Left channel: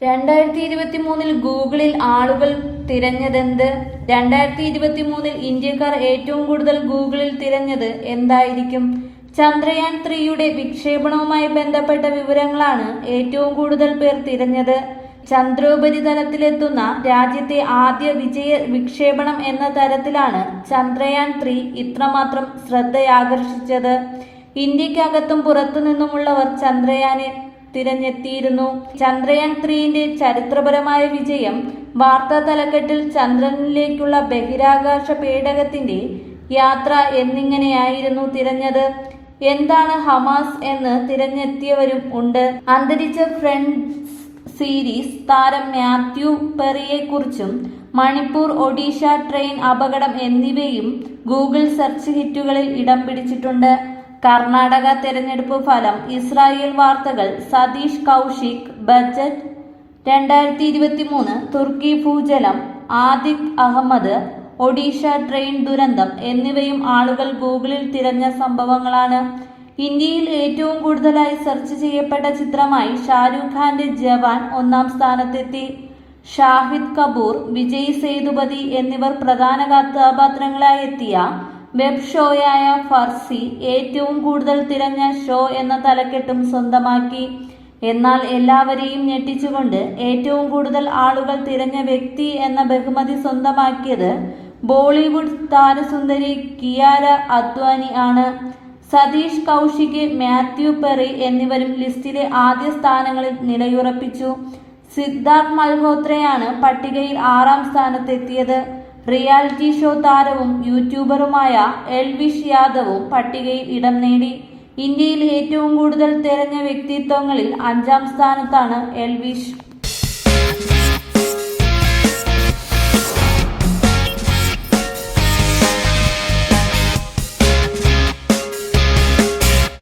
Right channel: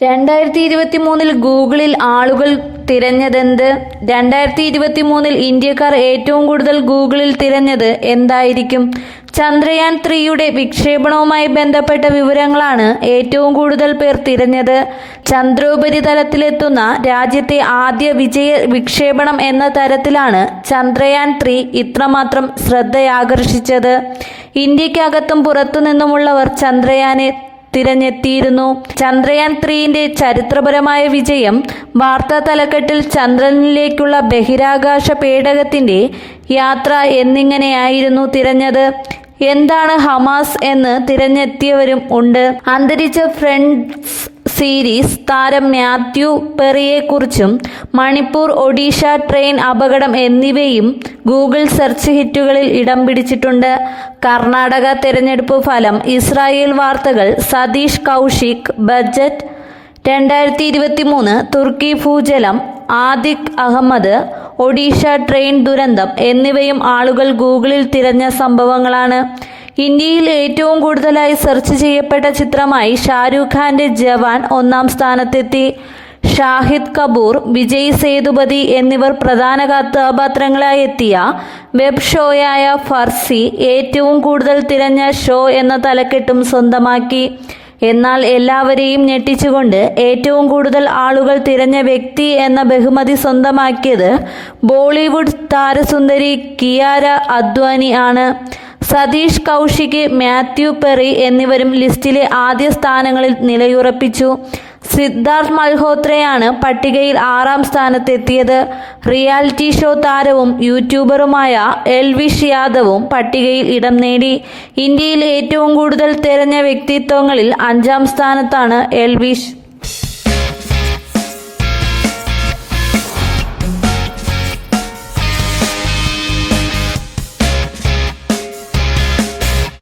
2023 ഗൂഗിളിൽ ആളുകൾ തിരഞ്ഞതെന്ത്? 2023 ഇന്ത്യക്കാർ ഏറ്റവും കൂടുതൽ ഗൂഗിളിൽ തിരഞ്ഞത് എന്തായിരിക്കും? ചന്ദ്രയാൻ 3യുടെ വിക്ഷേപണവുമായി ബന്ധപ്പെട്ട വിവരങ്ങളാണ് ഏറ്റവും കൂടുതൽ പേർ തിരഞ്ഞത്. ചന്ദ്രോപരിതലത്തിലെത്തുന്ന രാജ്യത്തെ ആദ്യ വിജയ വിക്ഷേപണം എന്ന തരത്തിലാണ് ചന്ദ്രയാൻ 3 ഇത്രമാത്രം ശ്രദ്ധയാകർഷിച്ചത്. ഇന്ത്യക്കകത്തും പുറത്തുനിന്നുമുള്ളവർ ചന്ദ്രയാനെ തിരഞ്ഞെത്തിയിരുന്നു. ചന്ദ്രയാൻ 3ന്റെ ചരിത്രപരമായ വിജയം വാർത്താ തലക്കെട്ടിൽ ചന്ദ്രനിലേക്കുള്ള ബഹിരാകാശ പേടകത്തിന്റെ യാത്ര എന്നിങ്ങനെയായിരുന്നു തിരഞ്ഞത്. എന്താണ് ഹമാസ് എന്ന് തിരഞ്ഞെത്തിയവരും ഉണ്ട്. അന്തരിച്ച ഫ്രണ്ട്സ് സീരീസ് താരം മാത്യു പെറിയെക്കുറിച്ചും മണിപ്പൂർ ഒഡീഷ ട്രെയിൻ അപകടം എന്നിവയും ഗൂഗിൾ സെർച്ച് ഹിറ്റുകളിൽ ഇടം പിടിച്ചിട്ടുണ്ട്. കർണാടക തെരഞ്ഞെടുപ്പ് ഫലം, ഇസ്രായേൽ വാർത്തകൾ, സതീഷ് കൗശിക്, ബജറ്റ് 2023, തുർക്കി ഭൂചലനം, ആതിഖ് അഹമ്മദ്, ഒഡീഷ ട്രെയിൻ ദുരന്തം എന്നിവയും ആളുകൾ ഗൂഗിളിൽ തിരഞ്ഞ സംഭവങ്ങളാണ്. ഇന്ത്യയിൽ ഏറ്റവും കൂടുതലായി സെർച്ച് ചെയ്യപ്പെട്ട ചിത്രമായി ഷാരൂഖ് ഖാന്റെ ജവാൻ 1-ാം സ്ഥാനത്തെത്തി. ഷാഹിദ് കപൂർ, വിജയ് സേതുപതി എന്നിവർ പ്രധാന കഥാപാത്രങ്ങളായി എത്തിയ വെബ് ഷോയായ ഫർസി ഏറ്റവും കൂടുതൽ തിരഞ്ഞ ഷോ എന്ന തലക്കെട്ടും സ്വന്തമാക്കി. എന്നാൽ എല്ലാവരെയും ഞെട്ടിച്ചുകൊണ്ട് ഏറ്റവും കൂടുതൽ ആളുകൾ തിരഞ്ഞ വ്യക്തി എന്ന ബഹുമതി സ്വന്തമാക്കിയത് ബോളിവുഡ് താരസുന്ദരി കിയാര അദ്വാനി ആണ്. സതീഷ് കൗശിക്, മാത്യു പെറി എന്നിവരും ലിസ്റ്റിലെ ആദ്യ സ്ഥാനങ്ങളിൽ നിലയുറപ്പിച്ചു. സിദ്ധാർത്ഥ് മൽഹോത്രയാണ് പട്ടികയിൽ 6-ാം സ്ഥാനത്തെത്തിയത്. റിയാലിറ്റി ഷോ താരവും യൂട്യൂബറുമായ എൽവിഷ് യാദവും പട്ടികയിൽ ഇടം നേടി. ഇന്ത്യയിൽ ഏറ്റവും കൂടുതൽ തിരഞ്ഞ വ്യക്തിത്വങ്ങളിൽ 5-ാം സ്ഥാനത്താണ് എൽവിഷ്.